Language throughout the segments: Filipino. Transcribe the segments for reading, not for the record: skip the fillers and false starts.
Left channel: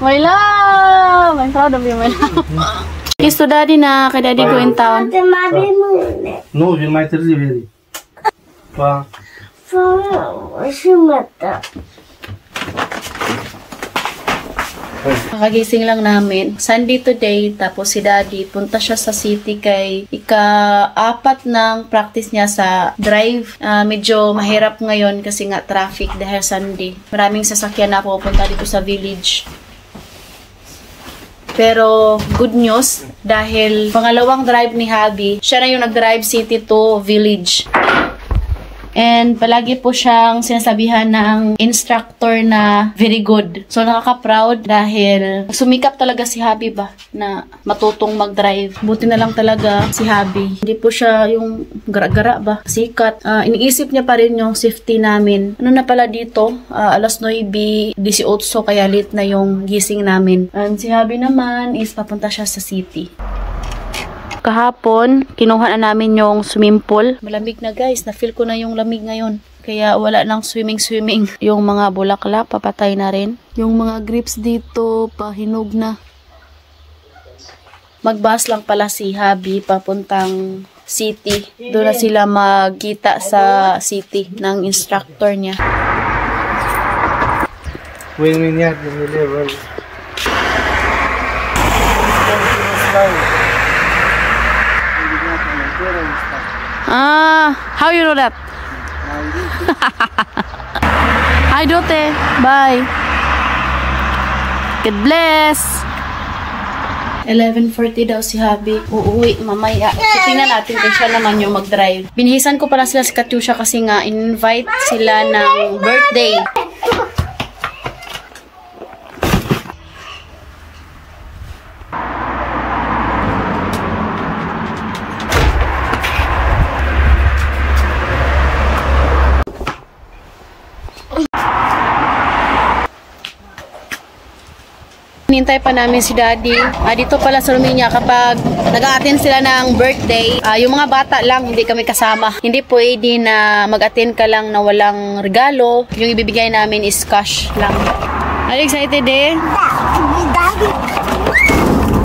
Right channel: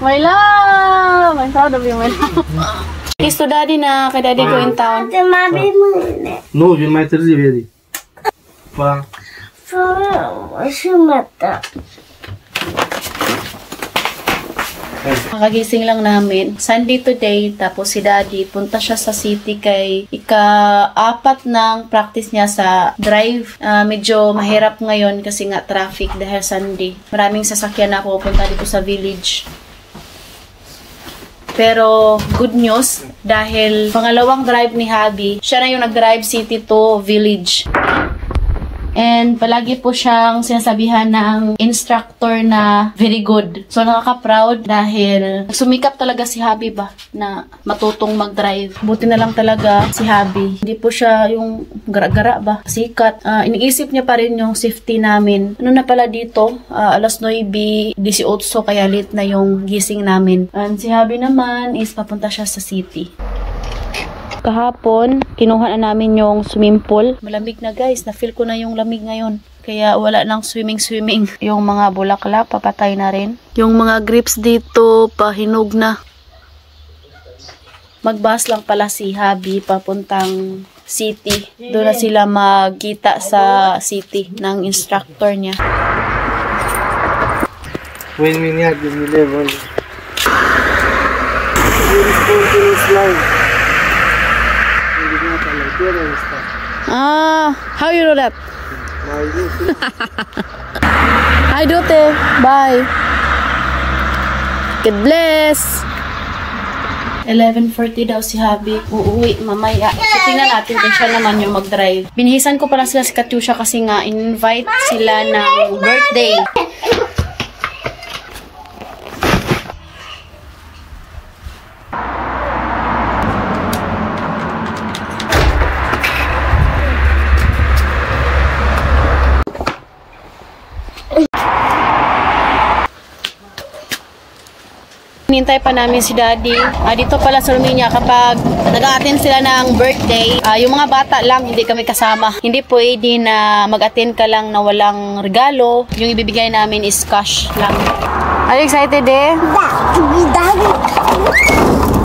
My love! I'm proud of you, my love. Kiss to daddy na. Kay daddy go in town. Nu, vin mai târziu, Edi. Pa. Nakagising lang namin. Sunday today, tapos si daddy, punta siya sa city kay ika-4 ng practice niya sa drive. Medyo mahirap ngayon kasi nga traffic dahil Sunday. Maraming sasakyan na pupunta dito sa village. Pero good news dahil pangalawang drive ni Habi, siya na yung nag-drive city to village. And palagi po siyang sinasabihan ng instructor na very good. So nakaka-proud dahil sumikap talaga si Habi ba na matutong mag-drive. Buti na lang talaga si Habi. Hindi po siya yung gara-gara ba, sikat. Iniisip niya pa rin yung safety namin. Ano na pala dito? Alas 9:18 kaya late na yung gising namin. And si Habi naman is papunta siya sa city. Kahapon, kinuha na namin yung swimming pool. Malamig na guys, na-feel ko na yung lamig ngayon. Kaya wala nang swimming. Yung mga bulaklak, papatay na rin. Yung mga grips dito, pahinog na. Magbus lang pala si Habi papuntang city. Doon na sila magkita sa city ng instructor niya. When we need the level. How you know that? Hi, Dote. Bye. God bless. 11:40 daw si Habi. Uuwi mamaya. So, tingnan natin kung siya naman yung mag-drive. Binihisan ko pala sila si Katyusha kasi nga in-invite sila ng birthday. Hinintay pa namin si Daddy. Dito pala sa Romania kapag nag-a-attend sila ng birthday, yung mga bata lang, hindi kami kasama. Hindi pwede na mag-attend ka lang na walang regalo. Yung ibibigay namin is cash lang. Are you excited eh?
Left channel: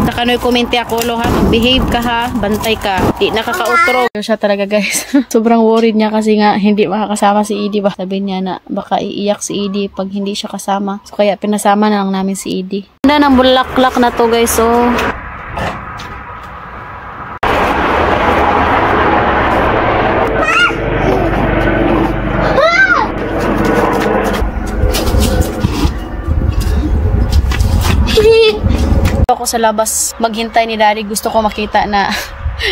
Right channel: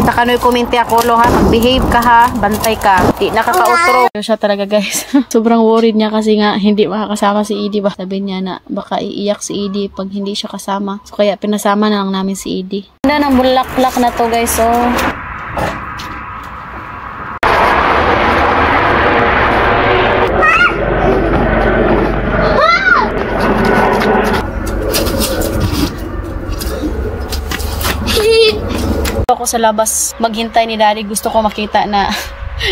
Takanoy komente ako lo ha, mag-behave ka ha, bantay ka. Di nakaka-utro. Siya talaga guys. Sobrang worried niya kasi nga hindi makakasama si Edie ba. Sabi niya na baka iiyak si Edie pag hindi siya kasama. So kaya pinasama na lang namin si Edie. Ganda ng bulaklak na to guys. So ako sa labas maghintay ni Daddy. Gusto ko makita na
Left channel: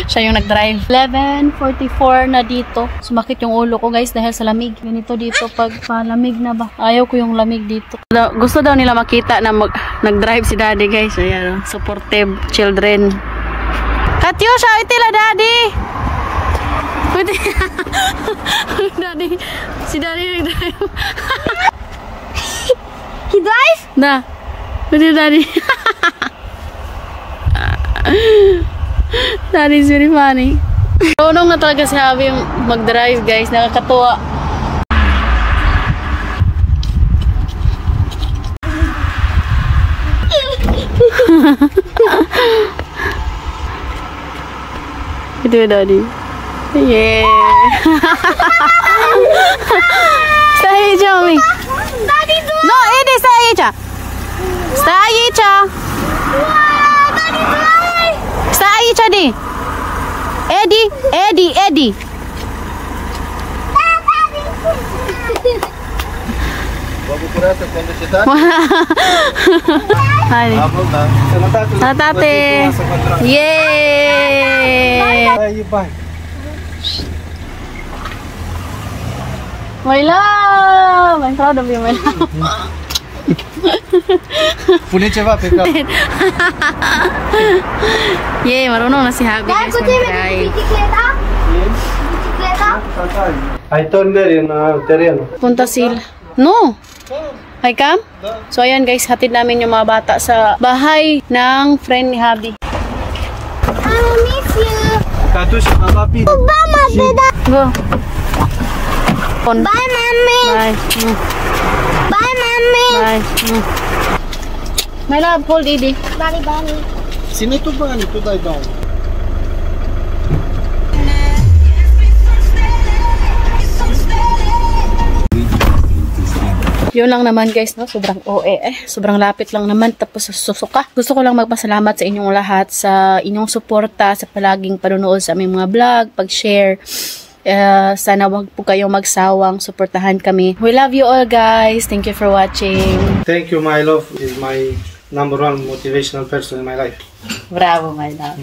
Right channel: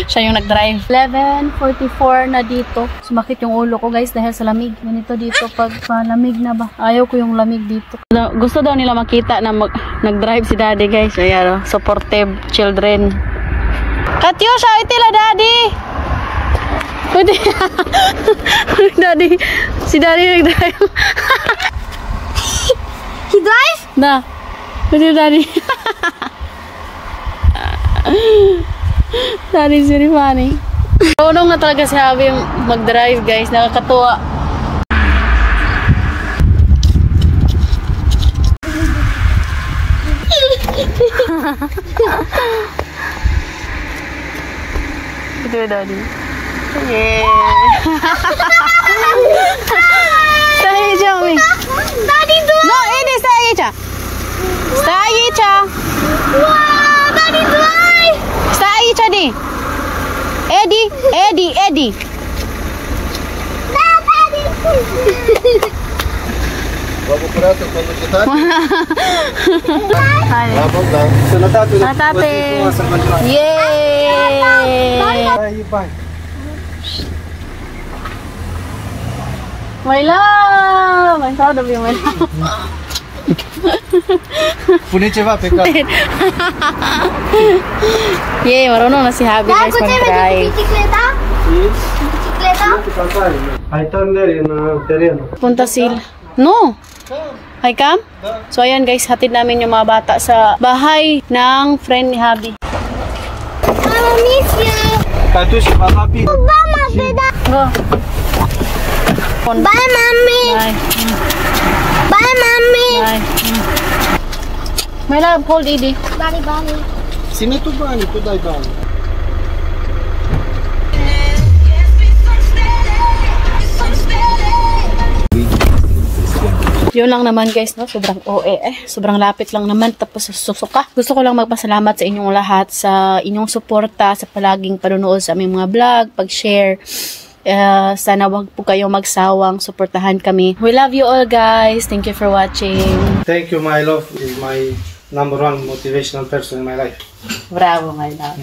siya yung nag-drive. 11:44 na dito. Sumakit yung ulo ko guys dahil sa lamig. Ganito dito pag palamig na ba. Ayaw ko yung lamig dito. Gusto daw nila makita na nag-drive si Daddy guys. Ayan, supportive children. Katyusha, itila Daddy! Pwede. Daddy. Si Daddy nag-drive. He drive? Na. Pwede Daddy. That is very funny. Unong na talaga si Habi yung mag-drive guys. Nakakatuwa. Ito yung Daddy. Yeah. Stay here, Mami. Daddy, do No, ini stay here. Stay here. wow, Daddy, fly. Stay here, di. Eddie. Vamos por essa quando quitar. Hai. Tate. Yay! Aí, pai. My love! I'm proud of you, my love. Pune ceva pe cap. Yay, marunong na si Habi guys mag-drive. Ai torneri în teren. Punta sila. No! Hi, Cam? So, ayan guys, hatid namin yung mga bata sa bahay ng friend ni Habi. I miss you. Catușa, va rapid. Mama, Dada. Go! Bye, Mommy. Bye. Bye, Mommy. Bye. My love, hold Edie. Daddy, Daddy. Sino to ba? Ito ba? Yun lang naman guys, no? Sobrang OA Sobrang lapit lang naman, tapos susuka. Gusto ko lang magpasalamat sa inyong lahat sa inyong suporta, sa palaging panunood sa aming mga vlog, pag-share. Sana wag po kayong magsawang suportahan kami. We love you all guys. Thank you for watching. Thank you, my love. Is my #1 motivational person in my life. Bravo, my love.